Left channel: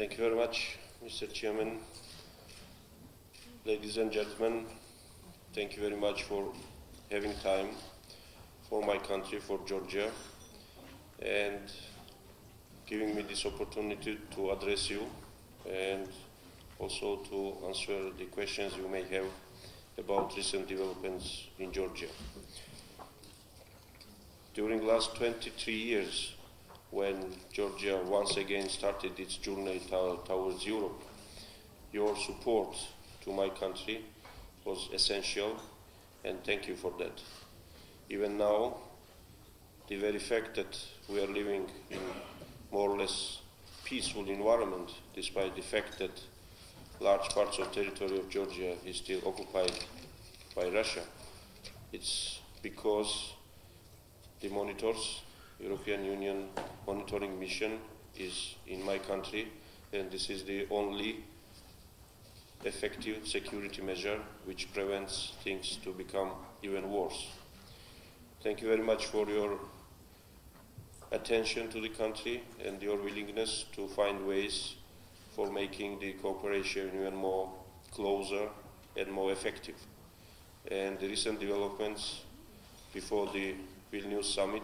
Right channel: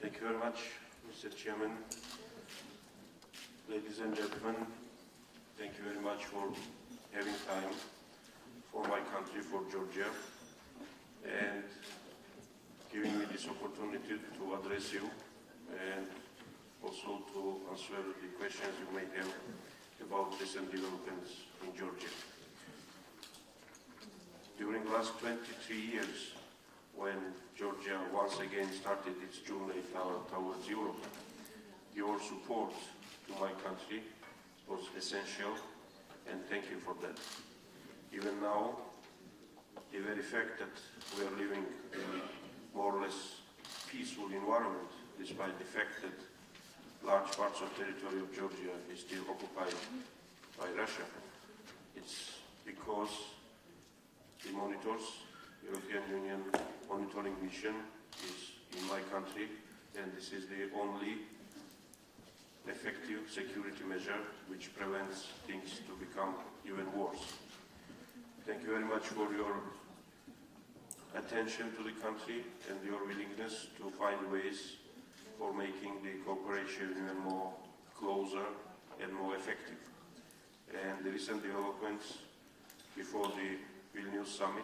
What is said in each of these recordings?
Thank you very much, Mr. Chairman. Ladies and gentlemen, thank you very much for having time for my country, for Georgia, and giving me this opportunity to address you and also to answer the questions you may have about recent developments in Georgia. During the last 23 years, when Georgia once again started its journey towards Europe, your support to my country was essential, and thank you for that. Even now, the very fact that we are living in more or less peaceful environment, despite the fact that large parts of territory of Georgia is still occupied by Russia, it's because the monitors, European Union monitoring mission is in my country, and this is the only effective security measure which prevents things to become even worse. Thank you very much for your attention to the country and your willingness to find ways for making the cooperation even more closer and more effective. And the recent developments before the Vilnius summit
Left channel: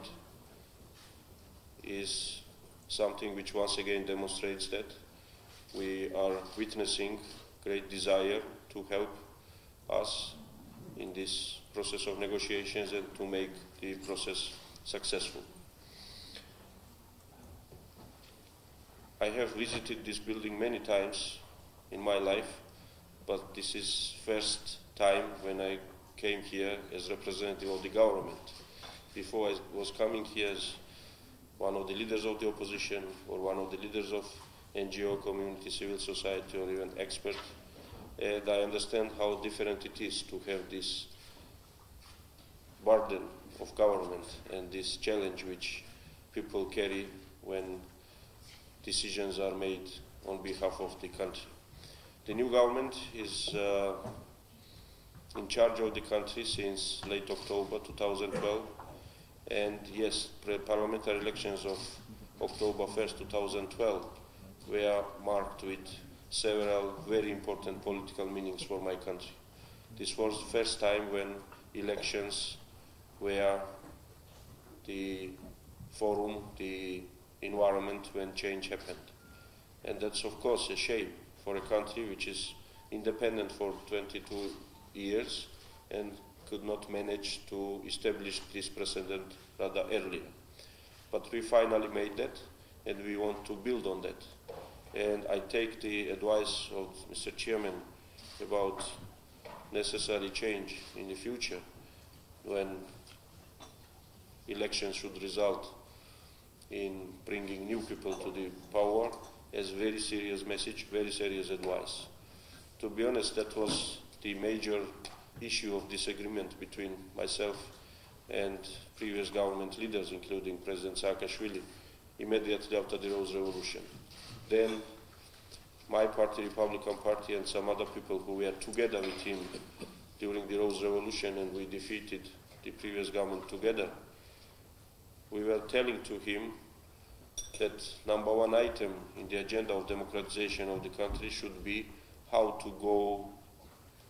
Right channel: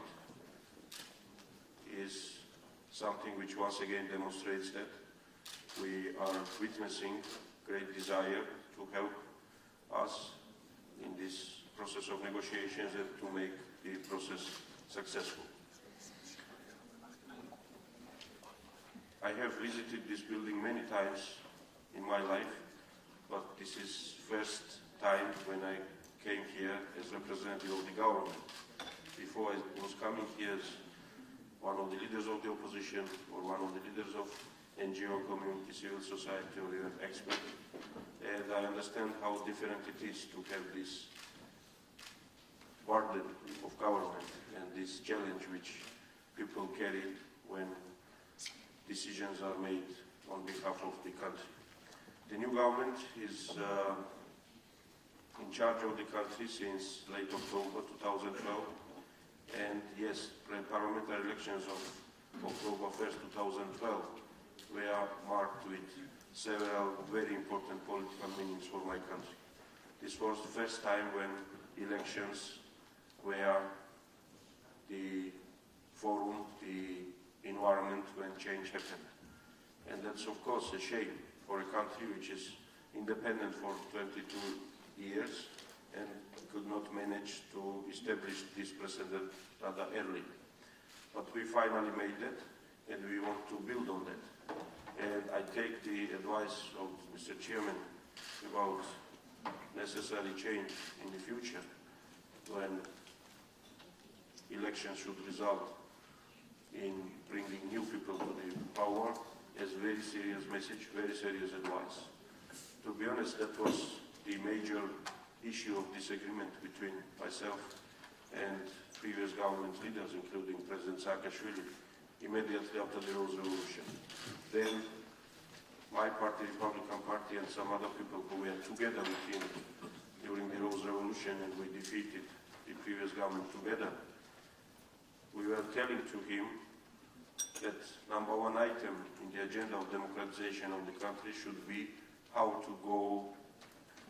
is something which once again demonstrates that we are witnessing great desire to help us in this process of negotiations and to make the process successful. I have visited this building many times in my life, but this is first time when I came here as representative of the government. Before I was coming here as one of the leaders of the opposition or one of the leaders of NGO community, civil society, or even expert, and I understand how different it is to have this burden of government and this challenge which people carry when decisions are made on behalf of the country. The new government is in charge of the country since late October 2012, and yes, parliamentary elections of October 1st, 2012 were marked with several very important political meanings for my country. This was the first time when elections were the forum, the environment when change happened. And that's of course a shame for a country which is independent for 22 years and could not manage to establish this precedent rather early. But we finally made that, and we want to build on that. And I take the advice of Mr. Chairman about necessary change in the future when elections should result in bringing new people to the power as very serious message, very serious advice. To be honest, that was the major issue of disagreement between myself and previous government leaders, including President Saakashvili, immediately after the Rose Revolution. Then my party, Republican Party, and some other people who were together with him during the Rose Revolution, and we defeated the previous government together, we were telling to him that number one item in the agenda of democratization of the country should be how to go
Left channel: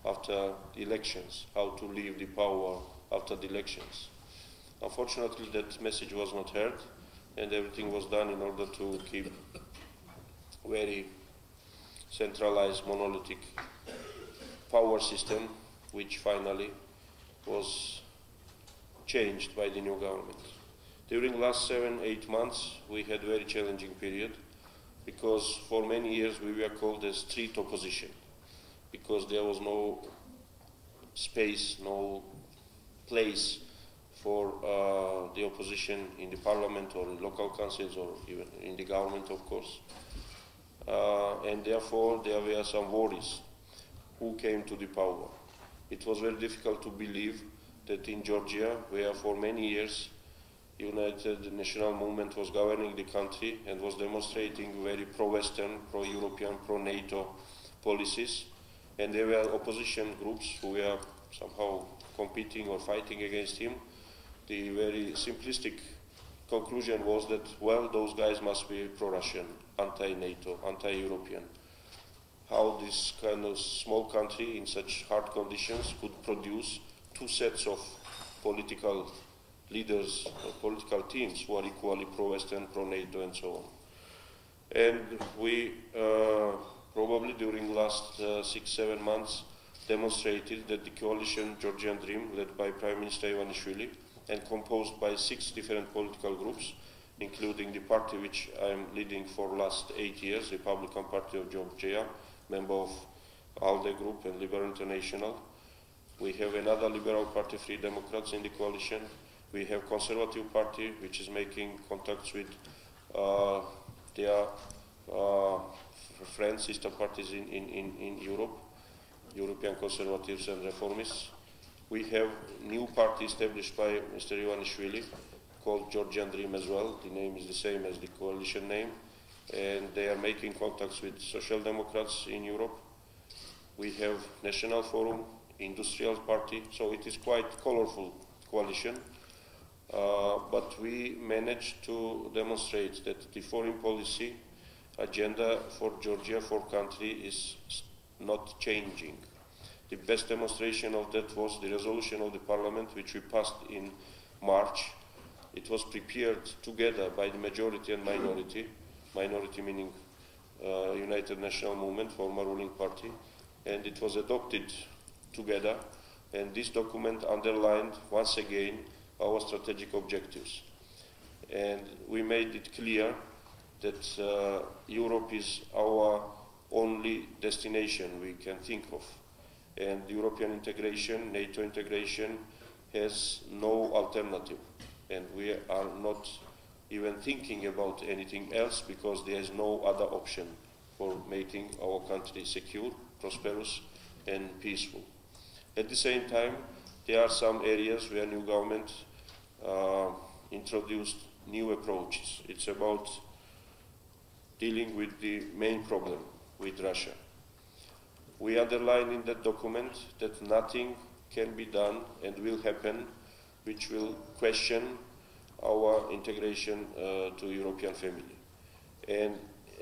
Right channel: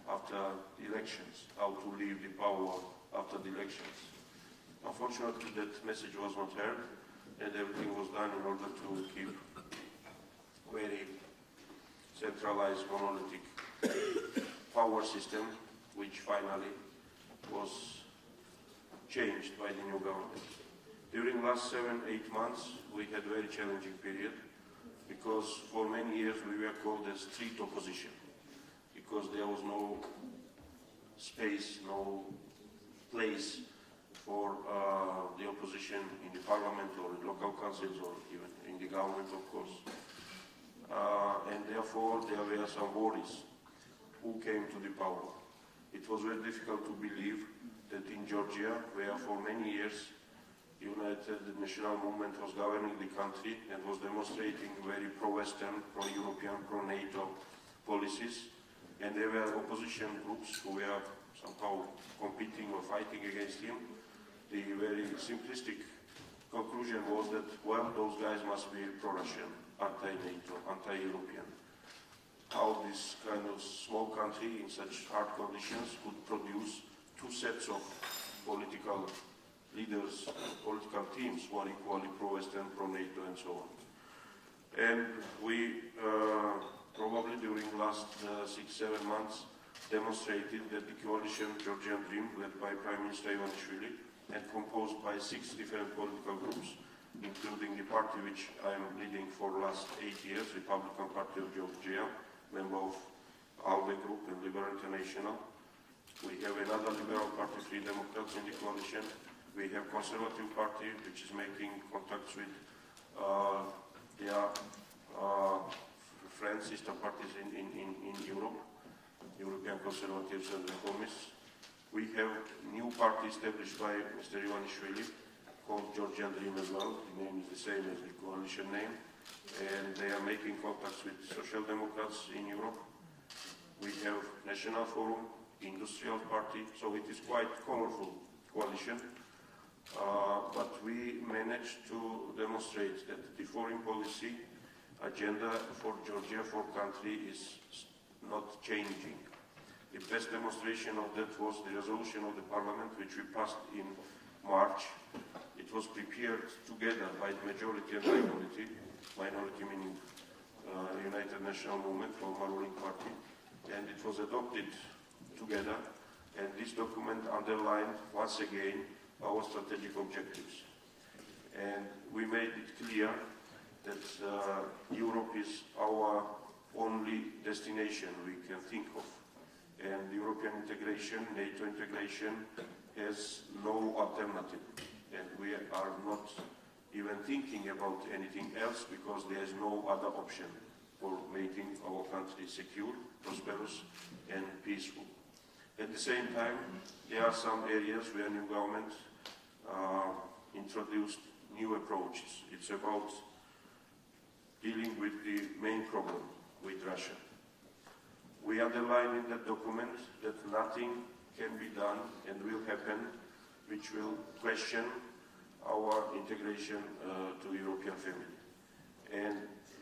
after the elections, how to leave the power after the elections. Unfortunately, that message was not heard, and everything was done in order to keep very centralized, monolithic power system, which finally was changed by the new government. During the last 7-8 months, we had a very challenging period because for many years we were called a street opposition because there was no space, no place for the opposition in the parliament or in local councils or even in the government, of course. And therefore there were some worries who came to the power. It was very difficult to believe that in Georgia, where for many years United National Movement was governing the country and was demonstrating very pro-Western, pro-European, pro-NATO policies, and there were opposition groups who were somehow competing or fighting against him. The very simplistic conclusion was that, well, those guys must be pro-Russian, anti-NATO, anti-European. How this kind of small country in such hard conditions could produce two sets of political leaders, political teams who are equally pro-Western, pro-NATO, and so on. And we probably during the last 6-7 months demonstrated that the coalition Georgian Dream, led by Prime Minister Ivanishvili and composed by 6 different political groups, including the party which I am leading for the last 8 years, Republican Party of Georgia, member of ALDE Group and Liberal International. We have another Liberal Party, Free Democrats in the coalition. We have Conservative Party, which is making contacts with their friends, sister parties in Europe, European Conservatives and Reformists. We have new party established by Mr. Ivanishvili called Georgian Dream as well. The name is the same as the coalition name. And they are making contacts with Social Democrats in Europe. We have National Forum, Industrial Party, so it is quite colorful coalition. But we managed to demonstrate that the foreign policy agenda for Georgia, for country, is not changing. The best demonstration of that was the resolution of the Parliament, which we passed in March. It was prepared together by the majority and minority. Minority meaning United National Movement, former ruling party, and it was adopted together. And this document underlined once again our strategic objectives. And we made it clear that Europe is our only destination we can think of. And European integration, NATO integration, has no alternative. And we are not even thinking about anything else because there is no other option for making our country secure, prosperous, and peaceful. At the same time, there are some areas where new government introduced new approaches. It's about dealing with the main problem with Russia. We underline in that document that nothing can be done and will happen which will question our integration to European family. And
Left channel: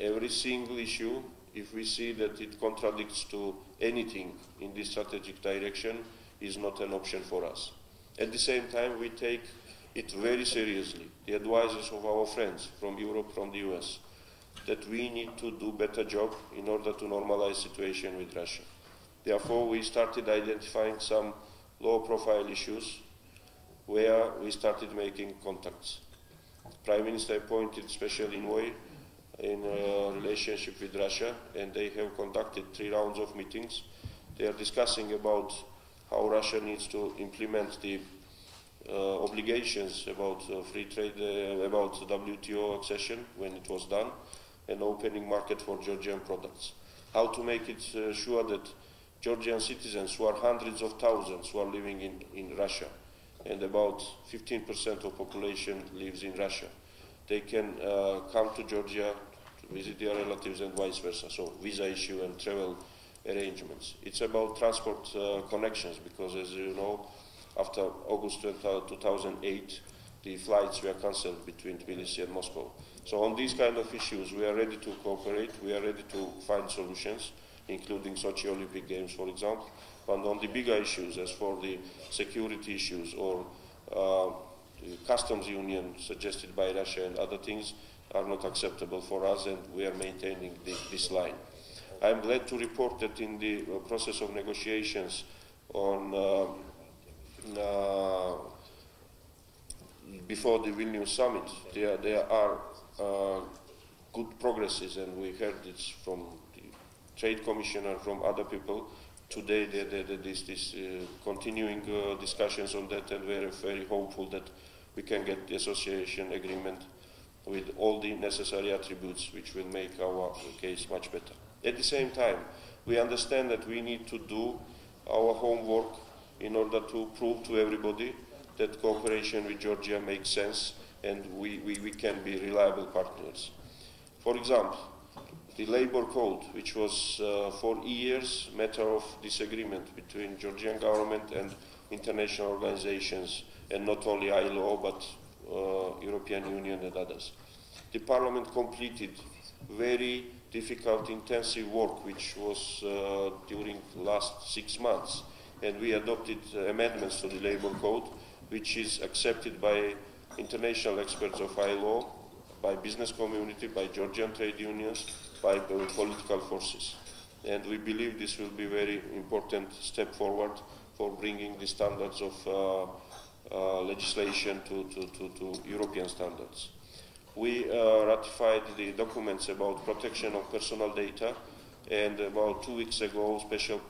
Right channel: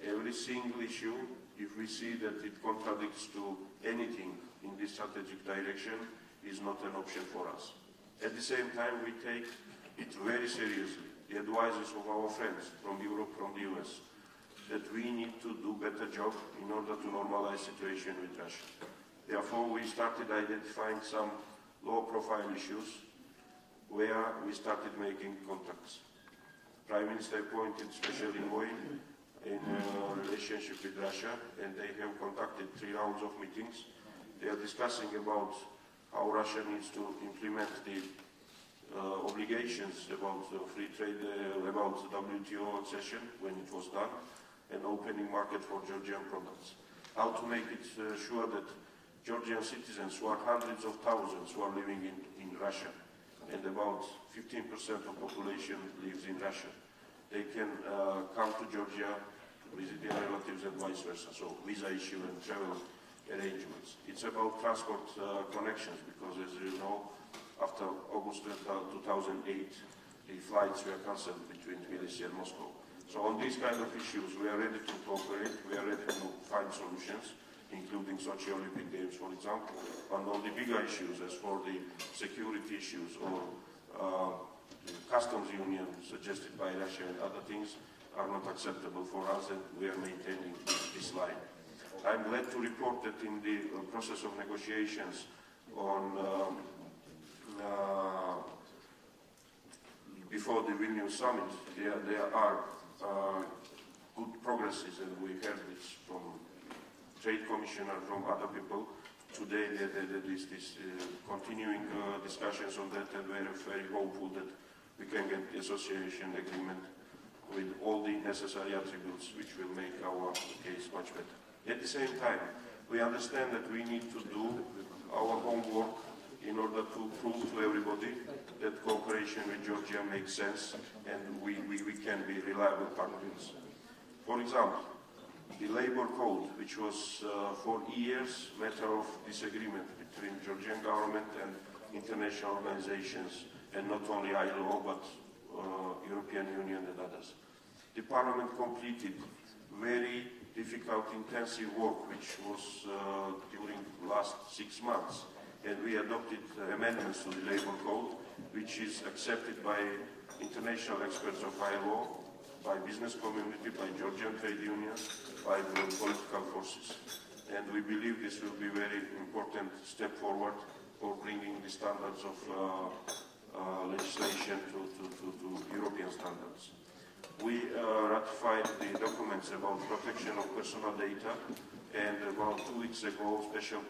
every single issue, if we see that it contradicts to anything in this strategic direction, is not an option for us. At the same time, we take it very seriously, the advices of our friends from Europe, from the US, that we need to do better job in order to normalize situation with Russia. Therefore, we started identifying some low-profile issues where we started making contacts. Prime Minister appointed special envoy in relationship with Russia, and they have conducted 3 rounds of meetings. They are discussing about how Russia needs to implement the obligations about free trade, about WTO accession when it was done, and opening market for Georgian products. How to make it sure that Georgian citizens, who are hundreds of thousands, who are living in Russia, and about 15% of population lives in Russia, they can come to Georgia to visit their relatives and vice versa, so visa issue and travel arrangements. It's about transport connections, because as you know, after August 2008, the flights were cancelled between Tbilisi and Moscow. So on these kind of issues, we are ready to cooperate, we are ready to find solutions, including Sochi Olympic Games, for example. And on the bigger issues, as for the security issues or the customs union suggested by Russia and other things, are not acceptable for us, and we are maintaining this line. I'm glad to report that in the process of negotiations on before the Vilnius summit, there are good progresses, and we heard this from the Trade Commissioner, from other people. Today, this continuing discussions on that, and we're very hopeful that we can get the association agreement with all the necessary attributes which will make our case much better. At the same time, we understand that we need to do our homework in order to prove to everybody that cooperation with Georgia makes sense and we can be reliable partners. For example, the labor code, which was for years matter of disagreement between Georgian government and international organizations, and not only ILO, but European Union and others. The Parliament completed very difficult, intensive work, which was during the last 6 months, and we adopted amendments to the Labour Code, which is accepted by international experts of ILO, by business community, by Georgian trade unions, by political forces. And we believe this will be a very important step forward for bringing the standards of legislation to European standards. We ratified the documents about protection of personal data, and about 2 weeks ago, special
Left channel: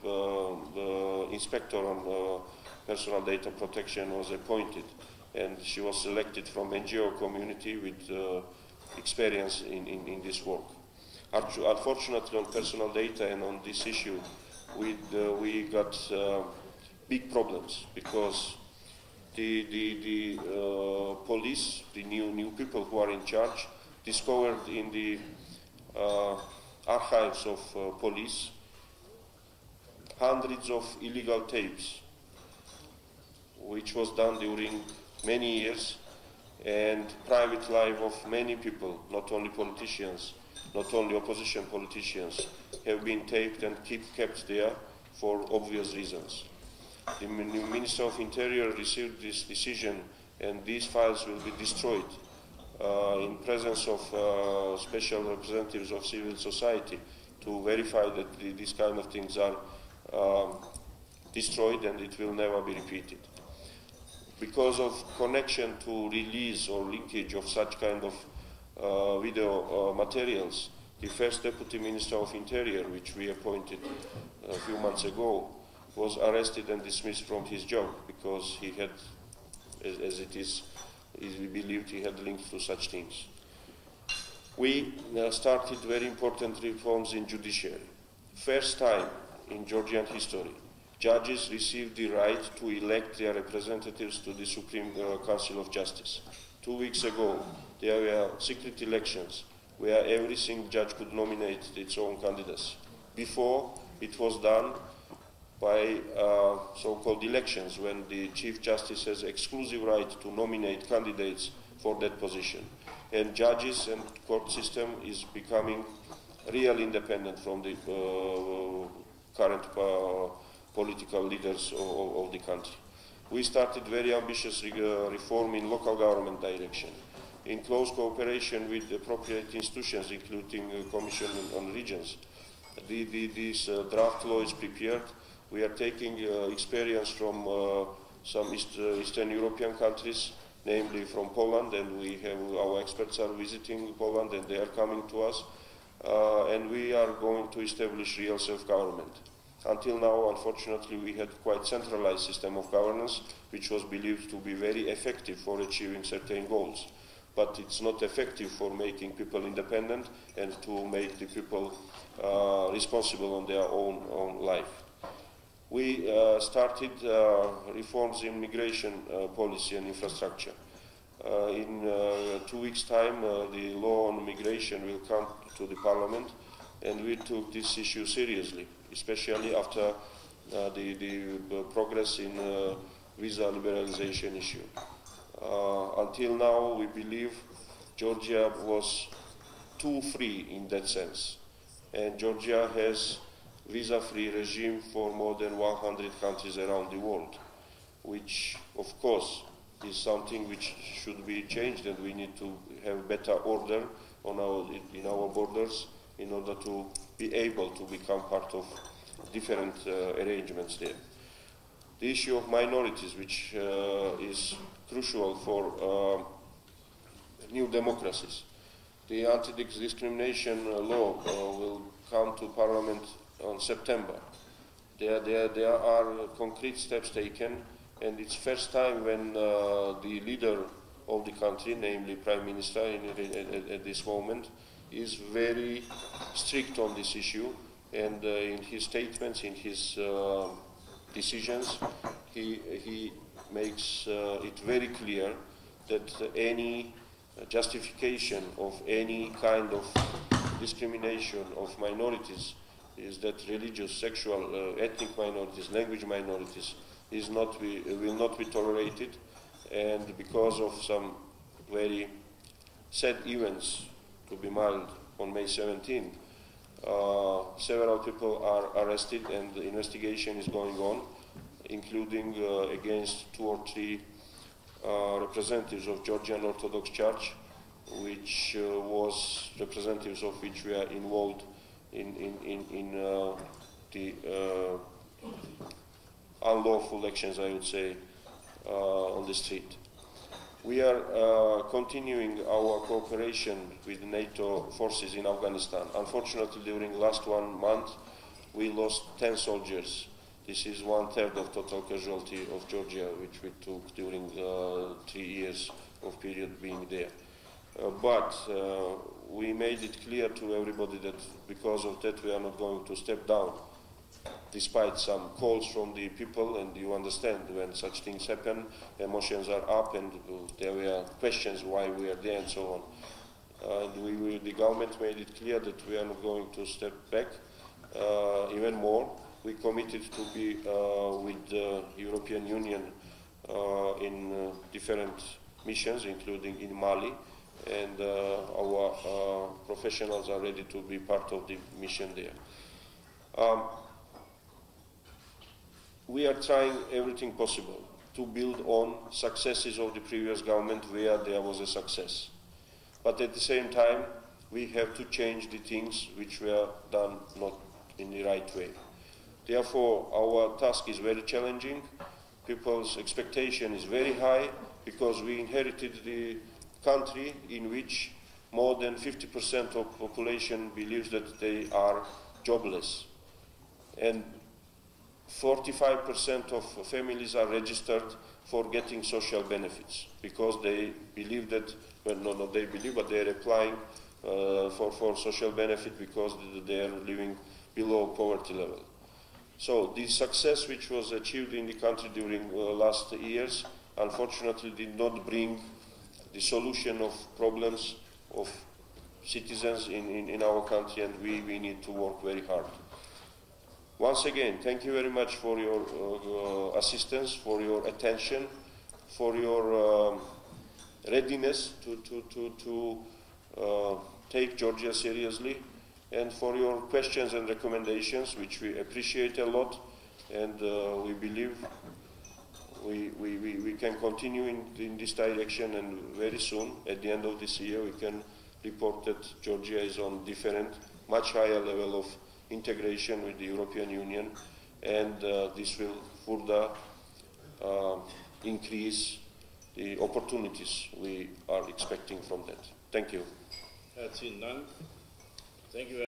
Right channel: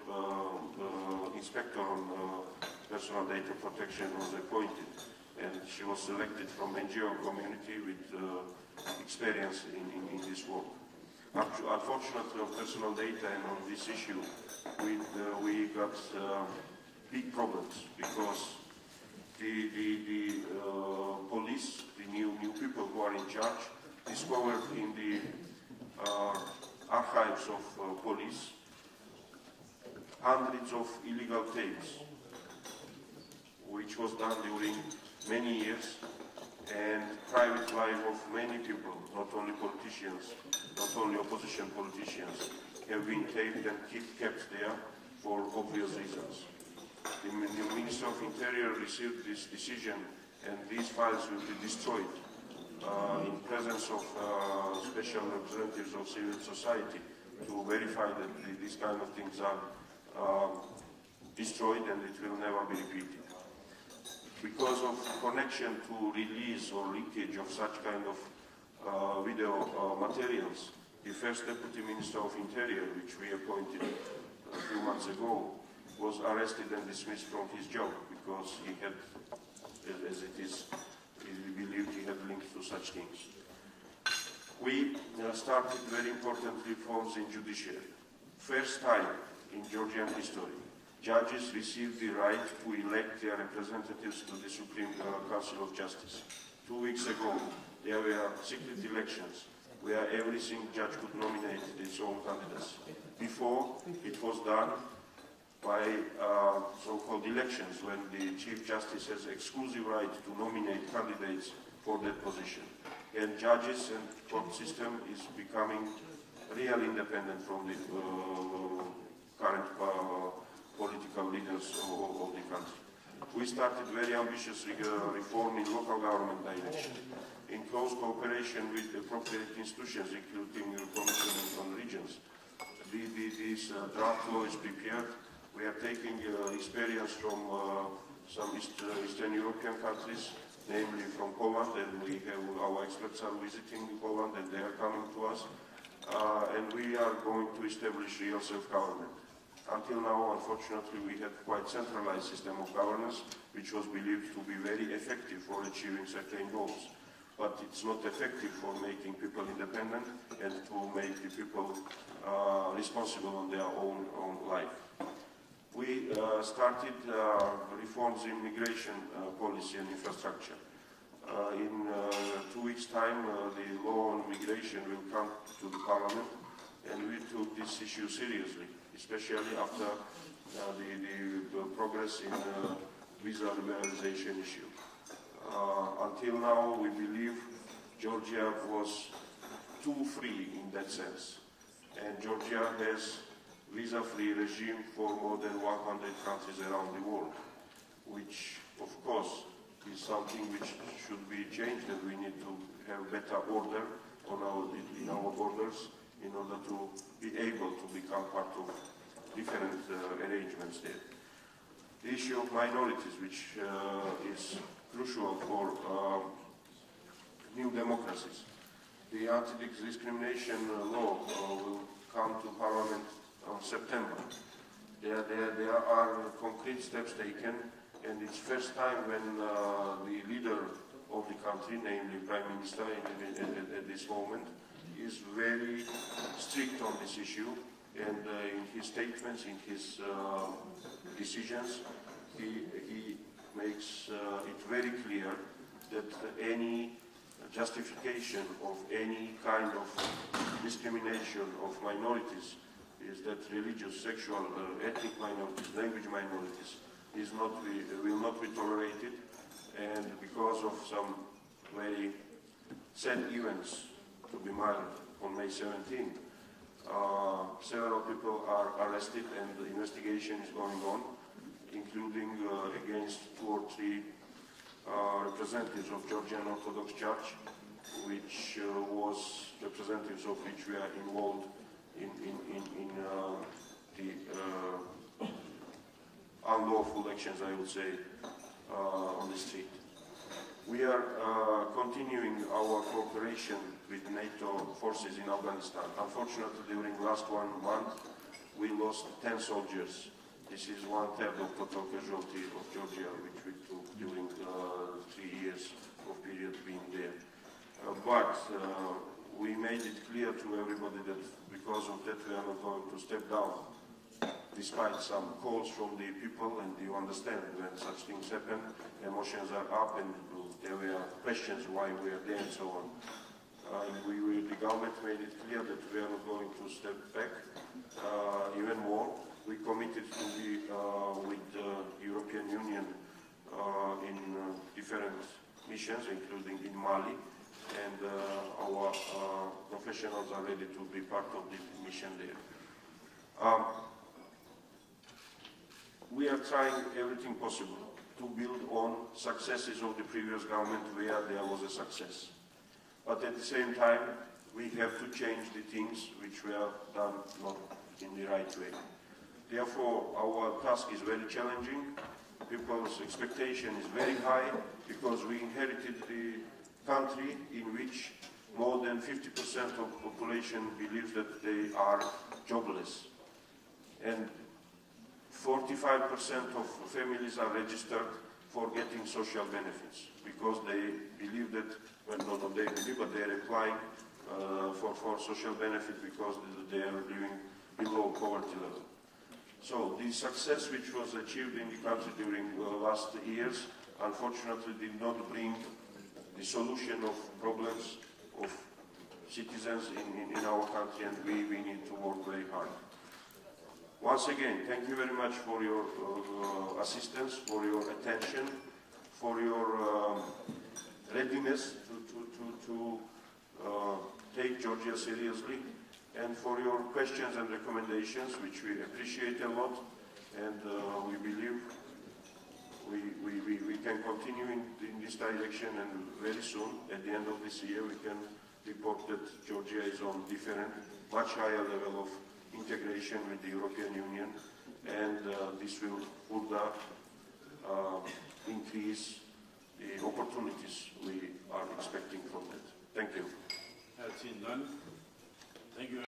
inspector on personal data protection was appointed, and she was selected from NGO community with experience in this work. Unfortunately, on personal data and on this issue, we got big problems, because the police, the new people who are in charge, discovered in the archives of police hundreds of illegal tapes, which was done during many years, and private life of many people, not only politicians, not only opposition politicians, have been taped and kept there for obvious reasons. The Minister of Interior received this decision, and these files will be destroyed in presence of special representatives of civil society to verify that these kind of things are destroyed and it will never be repeated. Because of connection to release or linkage of such kind of video materials, the first Deputy Minister of Interior, which we appointed a few months ago, was arrested and dismissed from his job, because he had, as it is believed, he had links to such things. We started very important reforms in judiciary. First time in Georgian history, judges received the right to elect their representatives to the Supreme Council of Justice. 2 weeks ago, there were secret elections where every single judge could nominate its own candidacy. Before, it was done by so-called elections, when the Chief Justice has exclusive right to nominate candidates for that position. And judges and court system is becoming real independent from the current political leaders of the country. We started very ambitious reform in local government direction, in close cooperation with appropriate institutions, including the Commission on Regions. This draft law is prepared. We are taking experience from some Eastern European countries, namely from Poland, and we have our experts are visiting Poland and they are coming to us, and we are going to establish real self-government. Until now, unfortunately, we had quite centralized system of governance, which was believed to be very effective for achieving certain goals. But it's not effective for making people independent and to make the people responsible on their own life. We started reforms in migration policy and infrastructure. In 2 weeks' time, the law on migration will come to the Parliament, and we took this issue seriously, especially after the progress in visa liberalization issue. Until now, we believe Georgia was too free in that sense, and Georgia has visa-free regime for more than 100 countries around the world, which, of course, is something which should be changed, and we need to have better order on in our borders in order to be able to become part of different arrangements there. The issue of minorities, which is crucial for new democracies. The anti-discrimination law will come to Parliament on September. There are concrete steps taken, and it's first time when the leader of the country, namely Prime Minister at this moment, is very strict on this issue, and in his statements, in his decisions, he makes it very clear that any justification of any kind of discrimination of minorities, is that religious, sexual, ethnic minorities, language minorities, will not be tolerated, and because of some very sad events, to be mild, on May 17. Several people are arrested and the investigation is going on, including against 2 or 3 representatives of Georgian Orthodox Church, which was representatives of which were involved in the unlawful actions, I would say, on the street. We are continuing our cooperation with NATO forces in Afghanistan. Unfortunately, during the last 1 month, we lost 10 soldiers. This is 1/3 of total casualty of Georgia, which we took during 3 years of period being there. But we made it clear to everybody that because of that we are not going to step down, despite some calls from the people, and you understand when such things happen, emotions are up and there were questions why we are there and so on. The government made it clear that we are not going to step back. Even more, we committed to be with the European Union in different missions, including in Mali, and our professionals are ready to be part of the mission there. We are trying everything possible to build on successes of the previous government where there was a success. But at the same time, we have to change the things which were done not in the right way. Therefore, our task is very challenging. People's expectation is very high because we inherited the country in which more than 50% of the population believes that they are jobless. And 45% of families are registered for getting social benefits because they believe that, well, not they believe, but they are applying for social benefit because they are living below poverty level. So the success which was achieved in the country during last years unfortunately did not bring the solution of problems of citizens in our country, and we need to work very hard. Once again, thank you very much for your assistance, for your attention, for your readiness to take Georgia seriously, and for your questions and recommendations, which we appreciate a lot, and we believe we can continue in this direction, and very soon, at the end of this year, we can report that Georgia is on different, much higher level of integration with the European Union, and this will further increase the opportunities we are expecting from that. Thank you. That's it, none. Thank you.